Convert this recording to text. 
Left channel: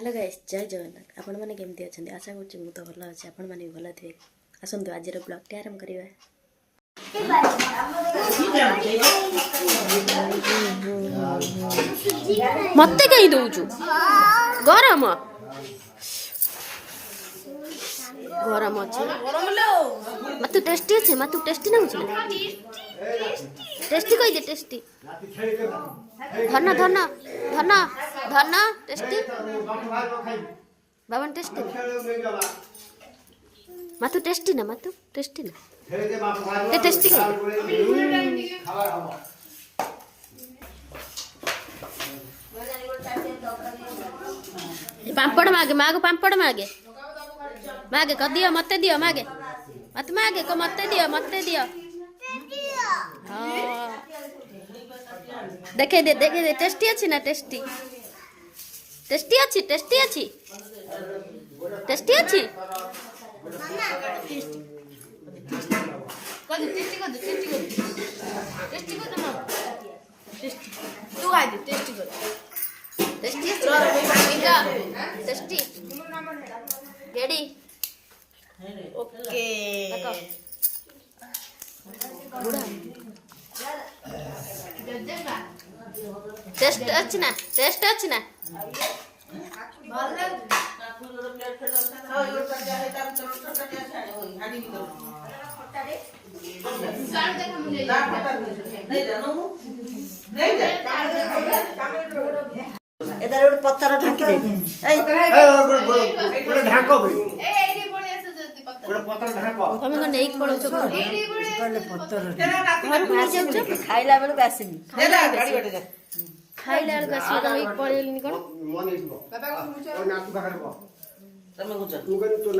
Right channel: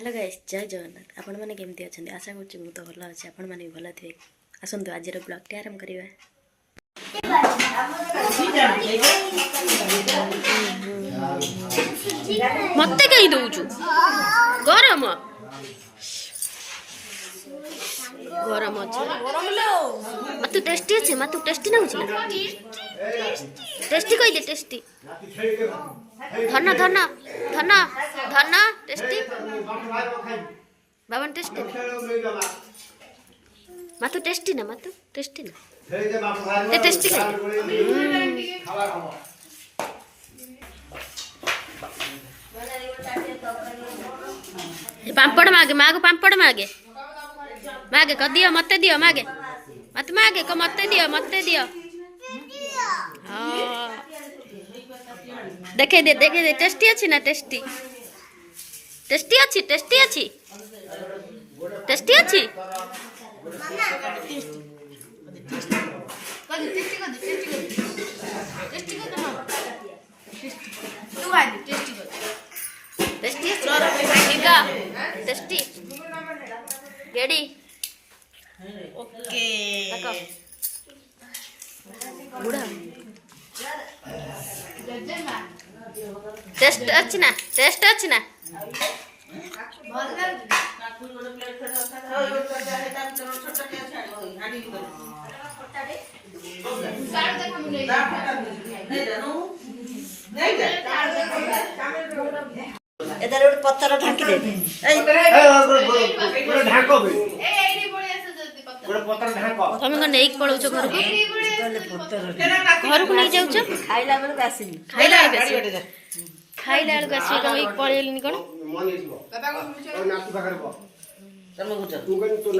hello guys जय जगन्नाथ आपण मैंने केमती अच्छा आशा करूँ मुझे भल अच्छे आपण मैंने भी भल थे आसतु आज ब्लॉग आरंभ करवा मत कहीं दौचु गरम गरम अच्छे मत टेस्टी अच्छे मत टेस्टी ना टेस्टी कही दे टेस्टी धन धन धन धन टेस्टी बाबन टेस्टी मत टेस्टी ना ते टेस्टी पापड़ मागे मागो पापड़ मागे मागे क दियो मत दियो मागे मत मागे को मत दियो देखे दे टेस्टी अच्छी ना टेस्टी टेस्टी अच्छी टेस्टी अच्छी टेस्टी अच्छी टेस्टी गेडी ओके बुढ़ा टेस्ट अच्छी ना एदार गोटे पत्थर ढांकी दे ढाको तुम कौन नहीं पड़ौच घर को नहीं जाऊच खाइला बेलू आसनी खाइला बेलू आसवे तुम पड़ेलनी कौन तू